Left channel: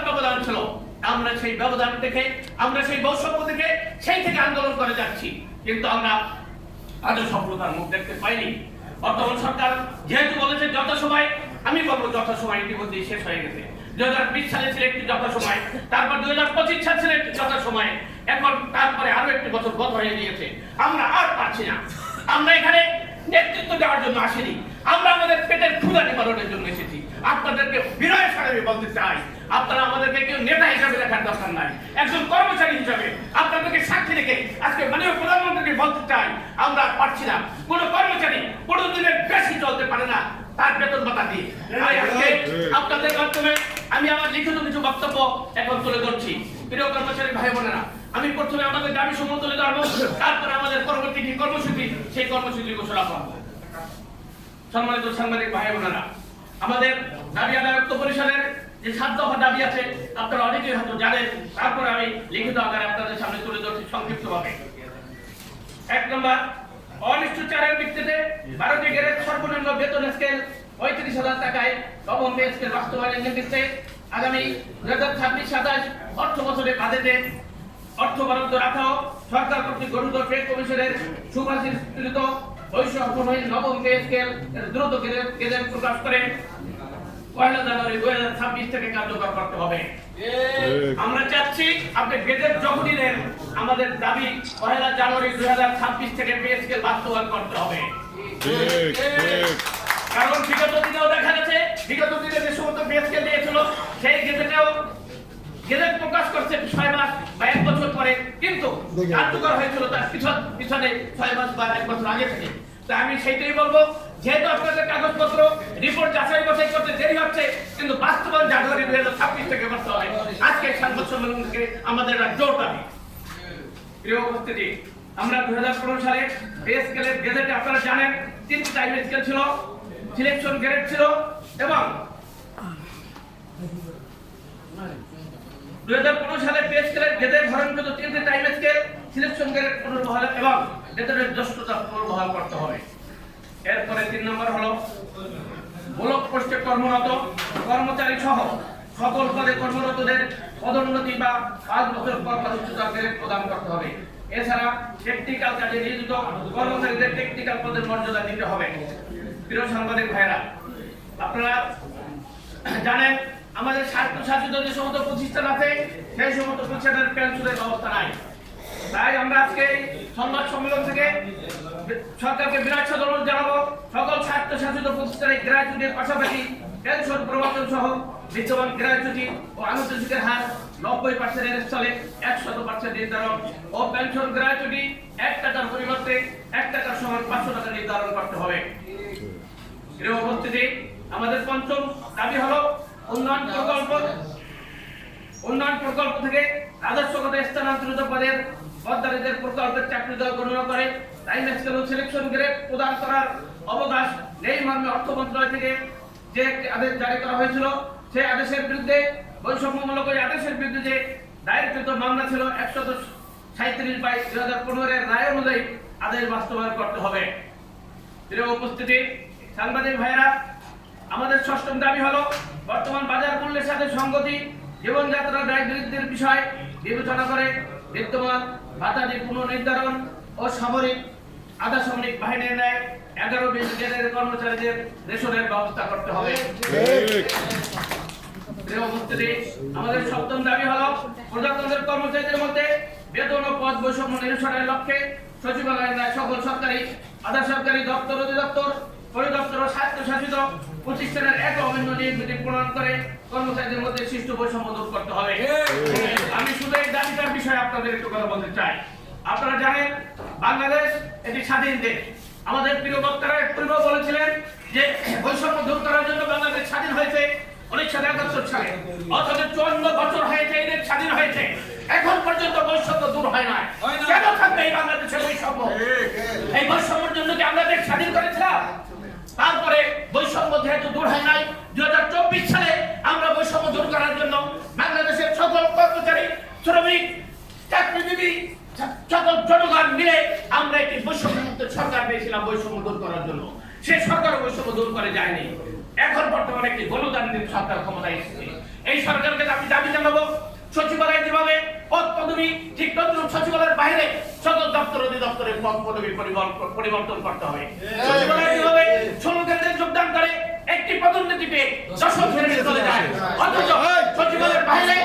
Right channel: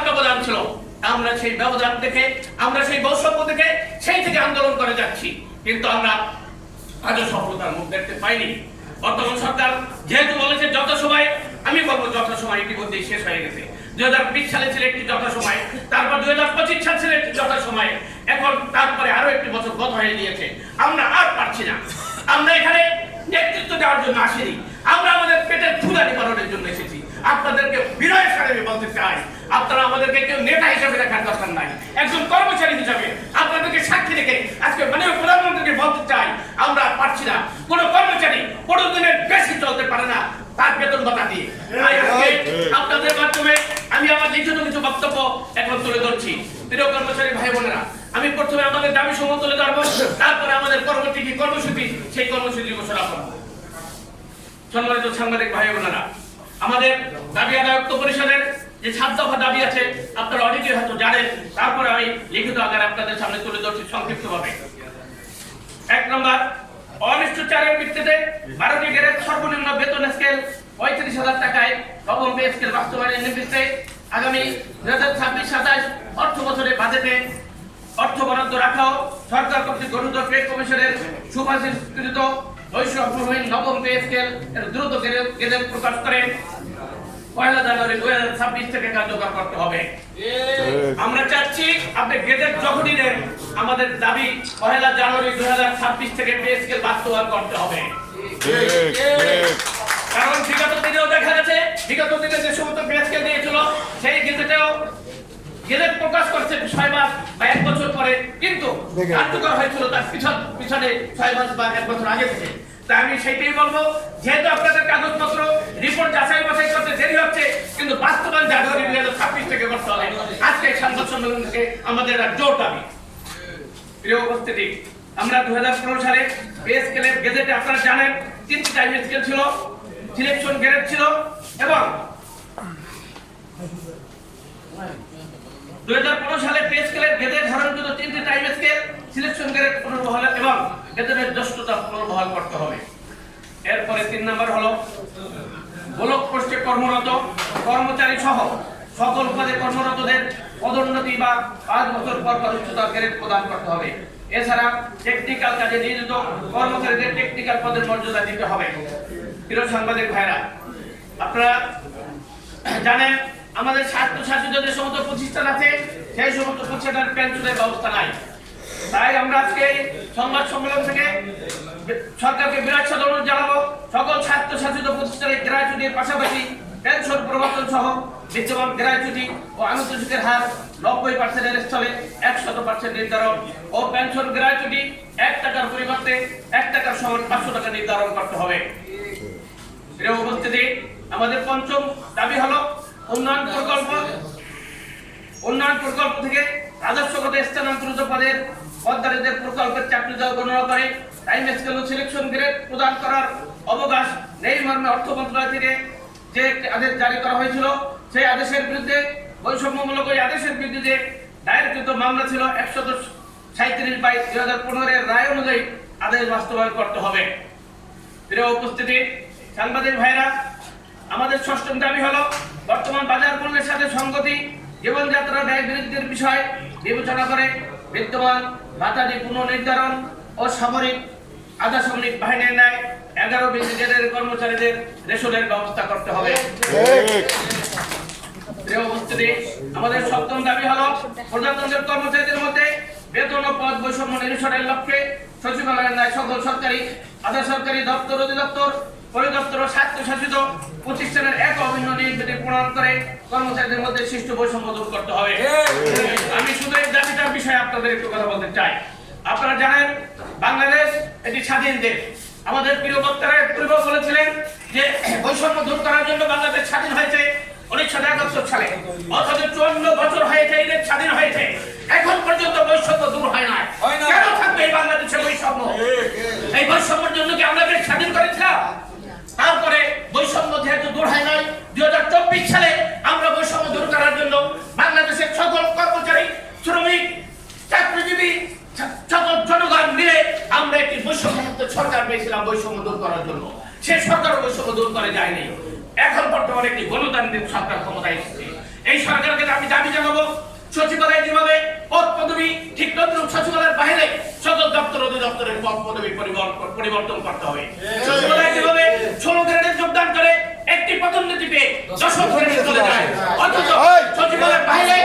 বিশাল ব্যবধান ছিল। আমরা সেই ব্যবধান দেখে, আমরা সেই বৈষম্য দেখে সেই থেকে আন্দোলন করে যাচ্ছি, কিন্তু আমরা আজও সফলতার মুখ দেখতে পাইনি। বর্তমান সরকার যেহেতু বলেছে যত সময়, আমি বলবো যত সময় ইতিমধ্যেই শেষ হয়ে গেছে। 2020 সালে ছিল একটি যত সময়, তারপর 2025 সাল ছিল একটি যত সময়, এখন তারপরে আরো একটি বছর গত হয়ে গিয়েছে। আমরা আর পারছি না। আমরা এখানে নেতৃত্ব দেওয়ার জন্য আসিনি, আমরা আমাদের পেটের ক্ষুধা নিবারণের জন্য এসেছি। আপনাদেরকে বিনয়ের সাথে আমি বলতে চাই, আপনারা আমাদেরকে কেউ নেতা হিসাবে দেখার দরকার নাই, একজন কর্মচারী হিসাবে আপনাদেরকে সাক্ষী রেখে আজকে মাননীয় প্রধানমন্ত্রীকে বলতে চাই, আমরা আর পারছি না। কোনো কর্মচারী 15 দিনের বেশি চলতে পারে না তার বেতন ভাতা দিয়ে। তাই আজকে আপনাদের মাধ্যমে আমি আমার লিখিত কিছু বক্তব্য এখন তুলে ধরছি। প্রিয় কর্মচারী ভাই বোনেরা, আমি প্রথমে আমাদের দাবি সমূহ তুলে ধরবো, তারপরে আমাদের পরবর্তী কি কর্মসূচি সেই কর্মসূচি ঘোষণা করবো। সম্মানিত সাংবাদিক ভাই বোনেরা, আমাদের দাবি আদায়ত্ব পরিষদের যে 7 দফা দাবি আছে আপনারা অনেকেই হয়তো জানেন, তারপরে আমি লিখিত আকারে আপনাদের সামনে তুলে ধরছি সংক্ষিপ্তভাবে। 1 নম্বর, অনিশ্চিত চারের ভিত্তিতে 12টি গ্রেড সর্বনিম্ন বেতন স্কেল 35,000 টাকায় নবম পে স্কেল বাস্তবায়নের নির্দেশে আগামী 2026-27 অর্থ বছরে বাজেটে অর্থ বরাদ্দ রাখাও সরকার কর্তৃক গঠিত পে কমিশনের সুপারিশকৃত বৈষম্যহীন নবম পে স্কেল এর দ্রুত গেজেট প্রকাশ করে 1 জানুয়ারি 2026 থেকে কার্যকর করতে হবে। আমরা চাচ্ছি আপনি গেজেট যখনই দেন, আমাদের দাবি 1 জানুয়ারি 2026 থেকে পে স্কেল বাস্তবায়ন করতে হবে। কারণ বিগত দিনেও দেখা গেছে, বিগত দিনে যে সমস্ত পে স্কেল দিয়েছিল সেই গেজেট প্রকাশ করছে 6 মাস বা 1 বছর পরে, কিন্তু কার্যকর হয়েছিল তার পিছনে 6 মাস বা 1 বছর আগে থেকে। তাই আমি সেইটাই বলবো, যেহেতু আপনাদের কাগজপত্র রিপোর্ট যাচাই বাছাই করতে দেরি হচ্ছে, কিন্তু বাস্তবায়ন জানুয়ারি 2026 থেকে করতে হবে। আজকে সংবাদ সম্মেলন থেকে আমাদের একটা জোর দাবি। প্রিয় উপস্থিতি, আমরা 2015 সালে পে স্কেলের গেজেটে আপনারা জানেন 3টি টাইম স্কেল ছিল, সিলেকশন গ্রেড ছিল, এবং 2015 সালে পে স্কেলের গেজেট ধারণকৃত 3টি টাইম স্কেল, সিলেকশন গ্রেড পুনর্বহাল এবং গেজেটের জ্যেষ্ঠতা পুনর্বহাল করতে হবে। এরপরে 3 নম্বর হলো ব্লক পোস্টে কর্মরত কর্মচারী সহ সকল পদে কর্মরতদের পদোন্নতি বা 5 বছর পর উচ্চতর গ্রেড প্রদান করতে হবে। এছাড়া টেকনিক্যাল কাজে নিয়োজিত কর্মচারীদের টেকনিক্যাল পদের মর্যাদা দিতে হবে। প্রিয় সাংবাদিক ভাইরা, আপনারা জানেন আমাদের স্বায়ত্তশাসিত যে সমস্ত প্রতিষ্ঠান আছে সেই সমস্ত প্রতিষ্ঠানের পেনশনের ব্যবস্থা নাই। তাই আমরা আজকে সংবাদ সম্মেলন থেকে সরকারকে বিরাট অনুরোধ জানাবো, সকল স্বায়ত্তশাসিত প্রতিষ্ঠানে গ্র্যাচুইটির পাশাপাশি পেনশন প্রবর্তন সহ বিদ্যমান গ্র্যাচুইটি ও আনুষ্ঠানিকের হার 90% এর স্থলে 100% নির্ধারণ ও পেনশন গ্র্যাচুইটি 1 টাকার পরিবর্তে 1 টাকার সমান 500 টাকা নির্ধারণ করতে হবে। প্রিয় উপস্থিতি, আমাদের 5ম দাবি হলো উন্নয়ন প্রকল্প থেকে রাজস্বগত স্থানান্তরিত পদের পদধারীদের প্রকল্পের চাকরিদার গণনা করে টাইম স্কেল ও সিলেকশন গ্রেড প্রদান করার অবকাশ নেই মর্মে অর্থ মন্ত্রণালয় থেকে যে আদেশ জারি করা হয়েছিল, সেই আদেশের বিরুদ্ধে বৈষম্যমূলক ওই আদেশের বিরুদ্ধে যে দায়েরকৃত মামলা ছিল 137/2015 এর রায় অনুযায়ী আদেশ বাস্তবায়ন করতে হবে। প্রিয় উপস্থিতি, সাংবাদিক ভাইরা, আমাদের 6ম দাবি হলো বর্তমান বাজার মূল্যের সাথে সংগতি জীবনযাত্রার ব্যয় বৃদ্ধির বিষয় বিবেচনা করে বিদ্যমান ভাতাদি পুনর্নির্ধারণ ও সামরিক আধা সামরিক বাহিনীর ন্যায় 11 ব্রিগেডের কর্মচারীদের রেশনের ব্যবস্থা করতে হবে। প্রিয় উপস্থিতি, আমাদের 7ম দাবি হলো প্রজাতন্ত্রের কর্মচারীদের মধ্যে বেতন ও পদ বৈষম্য নিরসনের লক্ষ্যে সচিবালয়ের ন্যায় সকল সরকারি আধা সরকারি দপ্তর, অধিদপ্তর, পরিদপ্তর ও স্বায়ত্তশাসিত প্রতিষ্ঠানের এক অভিন্ন নিয়োগ বিধি প্রণয়ন করে কর্মচারীদের মধ্যে সৃষ্ট বৈষম্য দূর করতে হবে। আমি শুধু এই দাবিটার বিষয়ে আপনাদের একটু কথা বলতে চাই। আপনারা জানেন বাংলাদেশ একটি স্বাধীন দেশ। আমাদের প্রিয় বক্তারা পূর্বে বলেছিলেন যে বৈষম্য দূর করার জন্য বাংলাদেশ স্বাধীন হয়েছে 1971 সালে, অথচ 54 বছর হয়েছে এই দেশ স্বাধীন হয়েছে, এখন পর্যন্ত বৈষম্য দূর হয় না। কেন থাকবে এই বাংলাদেশে বৈষম্য? এই বৈষম্যের জন্য কি আমরা দেশ স্বাধীন করেছিলাম? তারপরে বৈষম্য যেহেতু দূর হয় নাই, 2024 সালে আমরা বৈষম্য দূর করার জন্য বাংলাদেশের সকল কর্মচারী, শ্রমিক, চাকরিজীবী, সকল জনগণ মিলে আমরা একটি বৈষম্যমুক্ত সরকার পেয়েছিলাম বৈষম্য দূর করার জন্য। সে সরকার বৈষম্য দূর করে যায়নি। এখন বর্তমানে একটি গণতান্ত্রিক সরকার ক্ষমতায় এসেছে। এই সরকারকে আমি দাবি জানাবো সচিবালয় যেভাবে পদ পদবি ঠিক তদ্রুপ সচিবালয়ের বাইরে সকল দপ্তর অধিদপ্তরের পদ পদবি পরিবর্তন করতে হবে। সচিবালয় যেভাবে 16 গ্রেডে যোগদান করে একটি পদোন্নতি পেয়ে 10 গ্রেডে চলে যায়, অথচ সচিবালয়ের বাইরে